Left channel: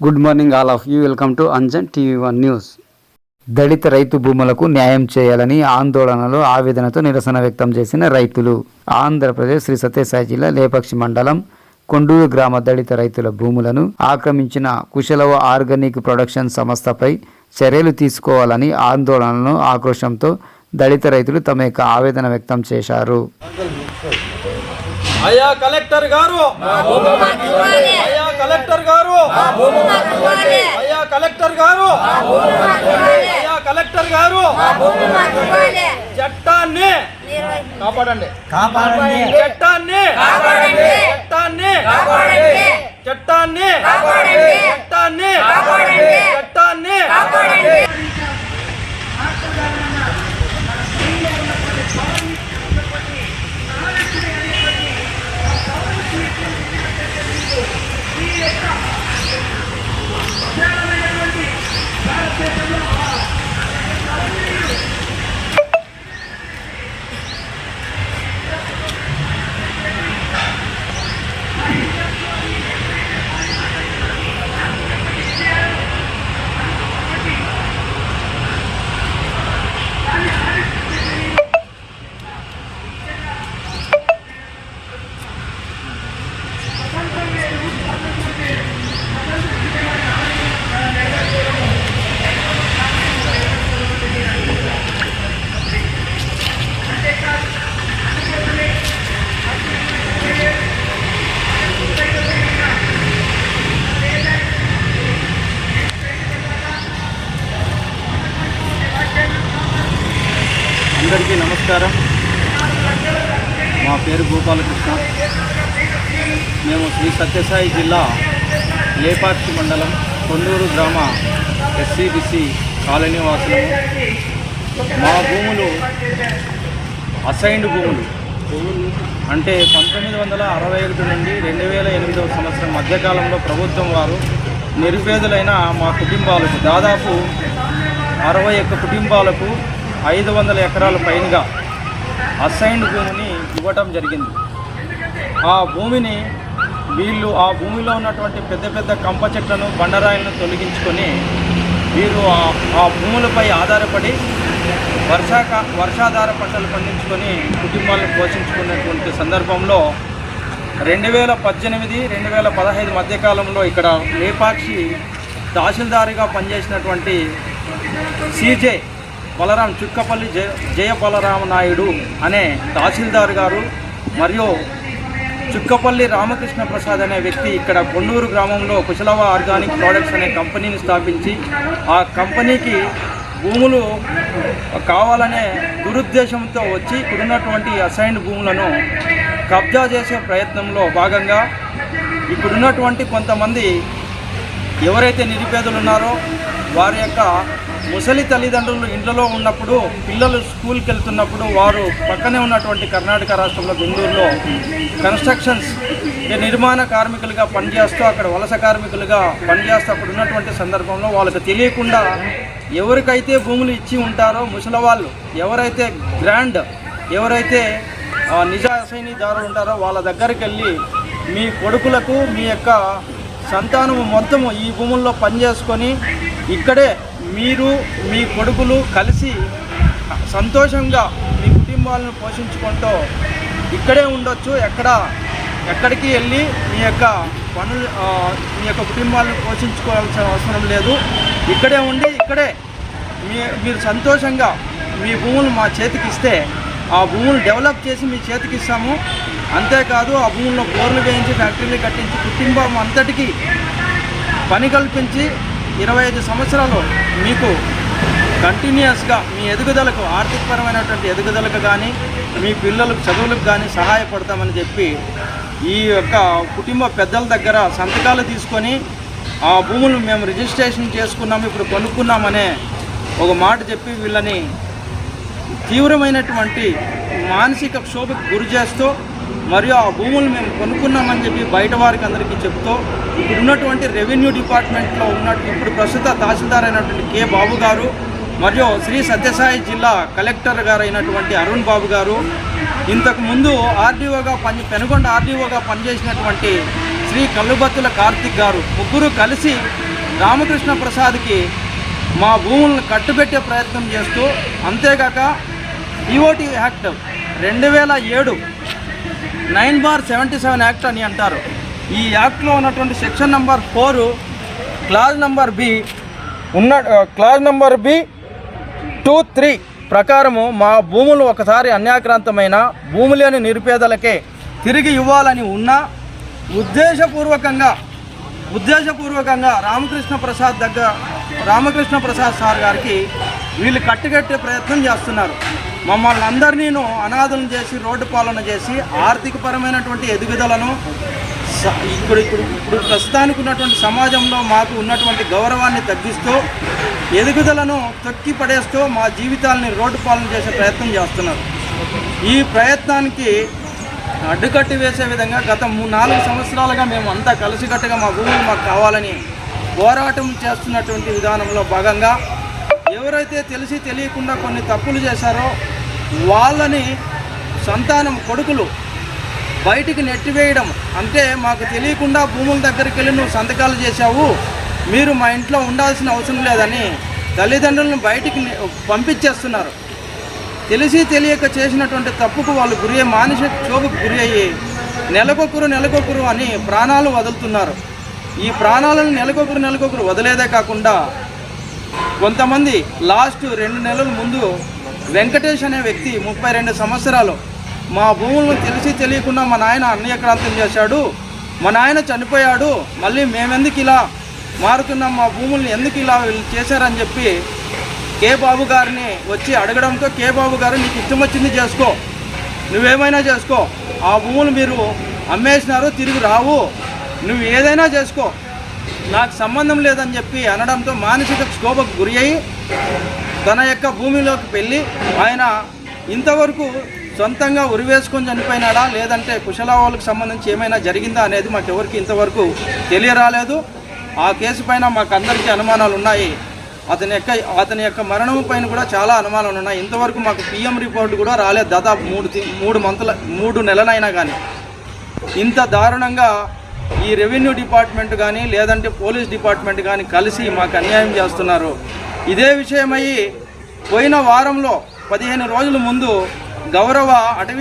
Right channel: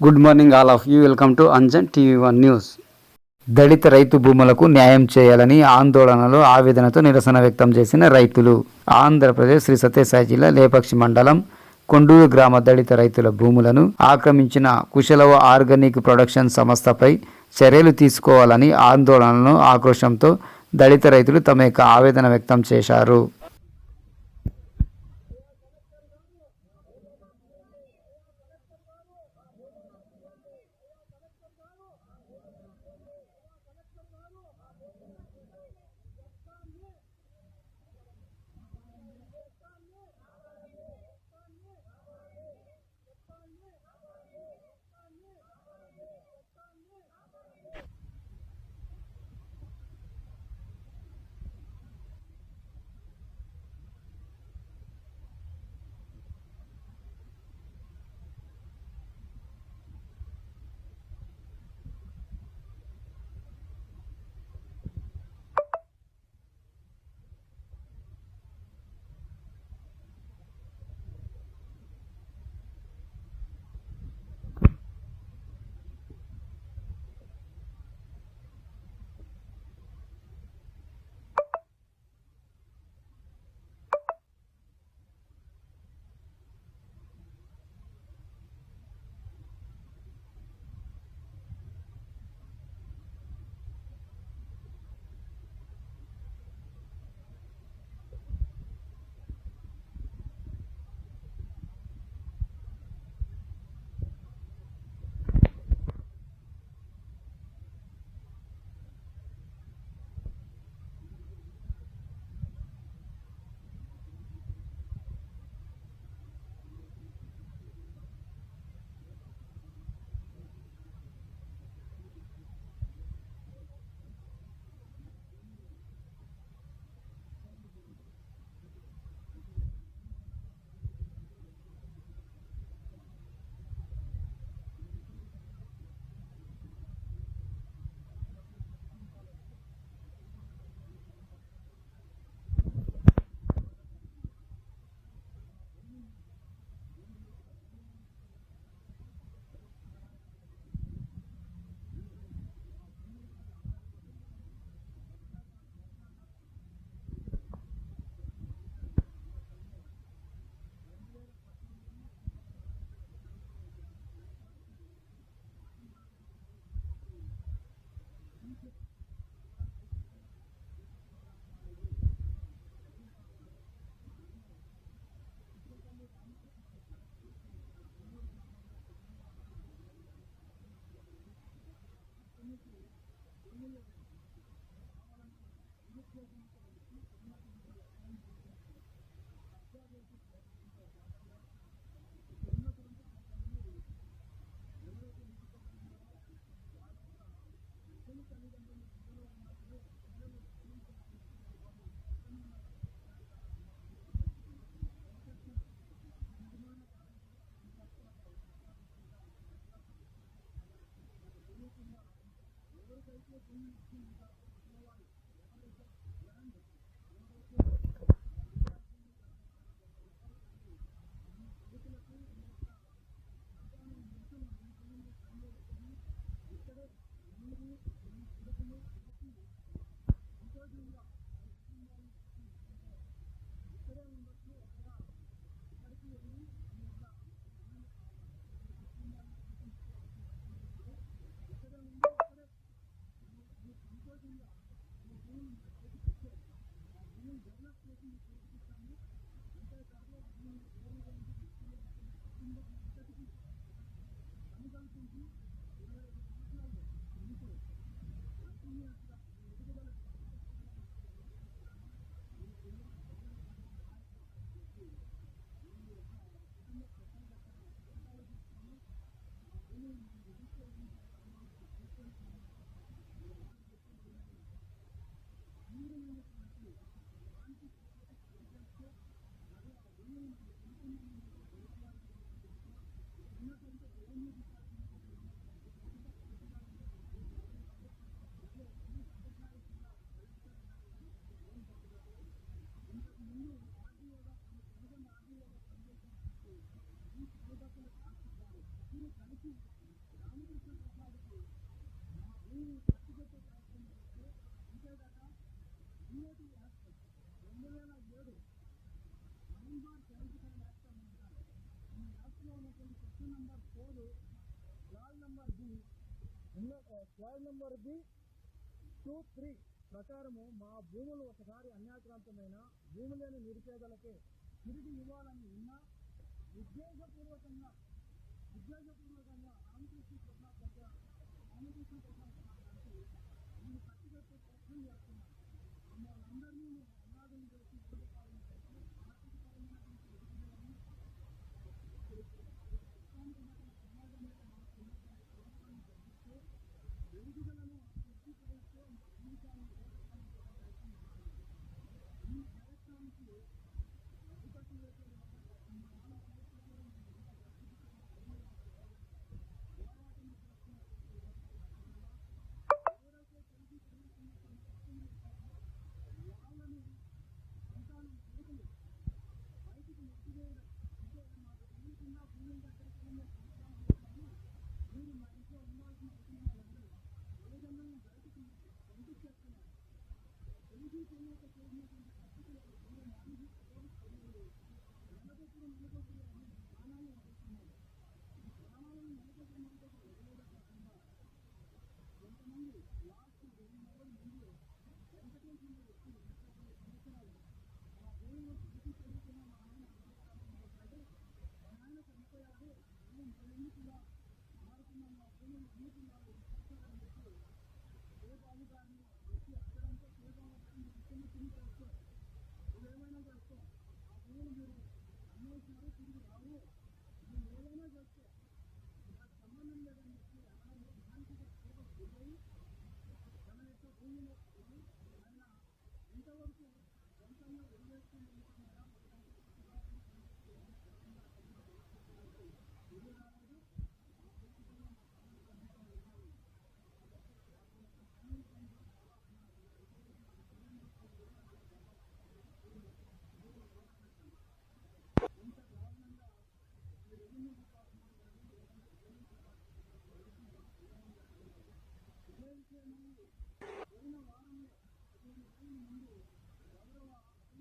Good morning all of you. Welcome to Anjan TV one news. దళిత రైతు భూములకు న్యాయం చేయాలని ఆందోళనలో ఆవేదనతో నిరసన వ్యక్తం చేసిన రైతులు. ఆంధ్రప్రదేశ్ శ్రీ సత్యసాయి జిల్లా లేపాక్షి మండలం కొండూరు గ్రామ దళిత రైతుల భూములను ఆక్రమించిన కుశలవ ఆర్గానిక్ ప్రొడక్షన్ సంస్థపై చర్యలు తీసుకోవాలని ఆందోళనలో ఆక్రోశంతో దళిత రైతులు తమ యొక్క ఆవేదన వ్యక్తం చేశారు. అయ్యా కలెక్టర్ గారు, అయ్యా కలెక్టర్ గారు, అయ్యా కలెక్టర్ గారు, అయ్యా కలెక్టర్ గారు, చట్టాన్ని కాపాడండి, చట్టాన్ని చట్టాన్ని చట్టాన్ని చట్టాన్ని చట్టాన్ని అందరికీ నమస్కారం. మా పేరు గోపాలకృష్ణ. మేము శ్రీ సత్యసాయి జిల్లా లేపాక్షి మండలం కొండూరు గ్రామ ఎస్సీబీసీ కాలనీ వాసులము. మా భూములు అసైన్డ్ భూములు అంటే 1961 నుండి 2008 సంవత్సరం మధ్యకాలంలో ప్రభుత్వం వారు నిరుపేదలైన మా కుటుంబాలకు దాదాపు 61 కుటుంబాలకు 500 ఎకరాల పైనగా అసైన్డ్ భూమిని ఇవ్వటం జరిగింది. ఆ భూమిని వీళ్ళు ఆ భూమిలో ఉన్నటువంటి పెద్ద పెద్ద కంప చెట్లను బండరాయిలను తొలగించుకొని వీరు ఆ భూములపై ఆధారపడి వర్షాధార పంటలు పండించుకొని కుటుంబాలను పోషించుకున్నటువంటి సందర్భంలో 2018, 2015 మధ్యకాలంలో ఇక్కడ లేపాక్షి తహసీల్దారుగా పనిచేసినటువంటి సిజే బలరాం చుక్కపల్లి జయ బలరామ నాయుడు అనే తహసీల్దార్ గారు మరియు చుక్కపల్లి రామకృష్ణ ప్రసాద్ అనే వ్యక్తి ఇక్కడ కొండూరు గ్రామంలో కుశలవ ఆర్గానిక్ ప్రోడక్ట్స్ అనే కంపెనీని స్థాపించి ఆ కంపెనీకి భూములు కావాలనే దురుద్దేశంతో వచ్చి ఇక్కడున్నటువంటి అసైన్డ్ భూములను కబ్జా చేసే ప్రయత్నంలో భాగంగా ఇక్కడున్నటువంటి కొంతమంది ఎవరైతే నిరుపేదలు ఉన్నారో వారి యొక్క ముసలి తల్లిదండ్రులు ఇంట్లో ఉన్నప్పుడు పిల్లలు స్కూల్కి వెళ్తున్నప్పుడు వారు పక్కనే ఉన్నటువంటి కర్ణాటక రాష్ట్రంలో బెంగళూరులో కన్స్ట్రక్షన్స్ నిర్మాణ కార్మికులుగా పనిచేస్తూ అక్కడ వలస కార్మికులుగా పనిచేస్తూ అక్కడ ఉన్నటువంటి సందర్భంలో వాళ్ళకి తెలియకుండా ఎవరికైతే భూములు ఇచ్చి ఉంటారో ముసలివాళ్ళు ఎవరైతే ఎవరైతే నిజ అసైనీదారులు ఉంటారో వాళ్ళ దగ్గరికి వెళ్ళి మీ కొడుకులకు మీ యొక్క సంతానము మొత్తము ఈ భూముల్లో పనిచేసుకొని ఇక్కడే మీరు మీ కొడుకులు కలిసి సంతోషంగా మీ కుటుంబాలను పోషించుకుంటూ ఇక్కడే ఉండొచ్చు, ఎక్కడికి వెళ్ళి మీ యొక్క కుటుంబాలను పోషించుకోవాల్సిన అవసరం లేదు. ఇక్కడే ఉండి ఇక్కడే మీరు సంతోషంగా మీ భూములు మా చేతికి ఇస్తే ఆ భూములు డెవలప్ చేసి మీ చేతికి ఇస్తాము. అంతేకాదు ఆ భూముల్లో బోర్లు వేయించి ఫ్యాక్టరీలు కట్టించి కుటుంబం అంతటికీ పని కల్పించి 25 సంవత్సరాలు మీకు కంటిన్యూస్గా మీ ఎదుగుదలకు ఆర్థికపరమైనటువంటి ఎదుగుదలకు కానీ మీ పిల్లలకు చదువులకు కానీ సహాయపడతామని చెప్పి ఈ యొక్క కుటుంబ పెద్దల దగ్గర సంతకాలు తీసుకొని ఆ భూములు మేము రిజిస్ట్రేషన్ చేసుకున్నాము, ఇప్పుడు కొనుక్కున్నామనే ఒక మాట చెప్పి వీళ్ళని తీవ్రమైనటువంటి మానసిక క్షోభకు గురి చేస్తూ మరియు ఆ భూములు మేము కొనుక్కున్నామని చెప్పి బయట వారికి అందరికీ చెప్తూ ఇప్పుడు ఉన్నటువంటి రెవెన్యూ డిపార్ట్మెంట్లో ఇప్పుడు ప్రస్తుత తహసీల్దార్ అయినటువంటి కె బాబు గారు మరియు శ్రీ సత్యసాయి జిల్లా కలెక్టర్ గారు అయినటువంటి అరుణ్ బాబు గారు, ఇంతకు ముందు ఆర్డీఓగా పెనుగొండ ఆర్డీఓగా పనిచేసినటువంటి శ్రీ కల్లుబత్తుల కార్తిక్ గారు ముగ్గురు కలిసి రామకృష్ణ ప్రసాద్కి మా భూములను కట్టుబెట్టే ప్రయత్నం చేస్తూ, అంతేగాక ఈఓటీ యాక్ట్ 2007 9/77 యాక్ట్ అని అంటారు. ఈ యాక్ట్లో ఉన్నటువంటి section number 4 clause number B 2-3 ప్రకారము మా భూములు ఒకసారి అన్యాక్రాంతమైన భూమి లేని నిరుపేదలకే తిరిగి ఇవ్వాలని ఉన్న ఉద్దేశపూర్వకంగా రామకృష్ణ ప్రసాద్ సార్ గారికి వీళ్ళు కట్టుకట్టే ప్రయత్నం చేస్తున్నారు. మమ్మల్ని అందరినీను అనాథలను చేసి, రోడ్డు పాలన చేసి, ఆర్థికపరమైనటువంటి ఎదుగుదలను ఇప్పుడు ప్రస్తుతానికి ఉన్నటువంటి సమాజంలో మాకు ఉన్నటువంటి గౌరవాన్ని తగ్గిస్తూ, ఎదుగుదలను తొక్కి పడేస్తూ మా జీవితాలని రోడ్డు పాలన చేసే ప్రయత్నం చేస్తున్నారు. ఈ ప్రయత్నానికి అడ్డుకట్టి వేసే విధంగా గత 4 సంవత్సరాలుగా మేము అంతా కలిసికట్టుగా మా భూములు మాకు కావాలని పోరాటం చేస్తున్నటువంటి విధానంలో భాగంగా ఎవరైతే తెలిసి తెలియకుండా కొన్ని తప్పులు చేశారో వాళ్ళని సంతానం కొడుకులు బయటికి నెట్టివేయడం. అంటే మాకు తెలియకుండా భూముల దగ్గరికి వెళ్ళి నువ్వు సంతకాలు చేశావు, మీరు మా ఇంట్లో ఉండాల్సిన అవసరం లేదని తల్లిదండ్రులను బయటికి పంపించేస్తున్నారు. తెలిసి తెలియక చేసినటువంటి తప్పుకు వాళ్ళు మానసిక క్షోభకు గురి అయ్యి నెలకొకరు అని ప్రాణాలు వదులుతున్నారు. ఈ ప్రాణాలను నెలకొకరు వదిలేదే కాకుండా కొంతమంది లాస్ట్ 2 నెలల ముందు వెంకటేష్ అనే వ్యక్తి 32 సంవత్సరాలు మా భూములను తెలిసి తెలియకుండా మా నాయన అన్యాక్రాంతం చేశాడు, మా నాయన చనిపోయాడు, మళ్ళీ మేమెందుకు ఇలా మారుతున్నాం, మా భూములను ఎందుకు ఇలా చేశారని చెప్పి కే బాబు గారిని వచ్చి అడగడంతో, కే బాబు గారు నీకు ఇష్టం వచ్చింది చేసుకో, నువ్వేమైనా చేసుకో, ఆ భూములు మీరు అమ్మేసినారు, తిరిగి రావు, నువ్వు ఏదైనా చేసుకో, నాకు సంబంధం లేదని చెప్పి అనడంతో మానసిక క్షోభకు గురి అయ్యి తన యొక్క భూమిలోకి వెళ్ళి ఆయన ఇంతవరకు సొంతంగా ఉరివేసుకొని చనిపోయినాడా లేదంటే కుశలవాళ్ళకు సంబంధించి ఏమైనా జరిగిందా అనేది మాకెవరికి ఇంతవరకు తెలియరాలేదు. ఆ కేసు పైన మాకు అందరికీ అనుమానాలు ఉన్నాయి. అతని యొక్క మరణం పైన కూడా చాలా అనుమానాలు ఉన్నాయి. ఇంతవరకు మాకు పిఎం రిపోర్ట్ కూడా రాలేదు. దాదాపు 3 నెలలైనా కానీ ఇంత దారుణంగా ఈ రెవెన్యూ డిపార్ట్మెంట్ కానీ లేదంటే పోలీస్ డిపార్ట్మెంట్ కానీ కలిసి మాకు అన్యాయం చేస్తున్నారు. ఇదే విషయమై పోయిన వారంలో 15 రోజుల ముందు గౌరవ అటవీ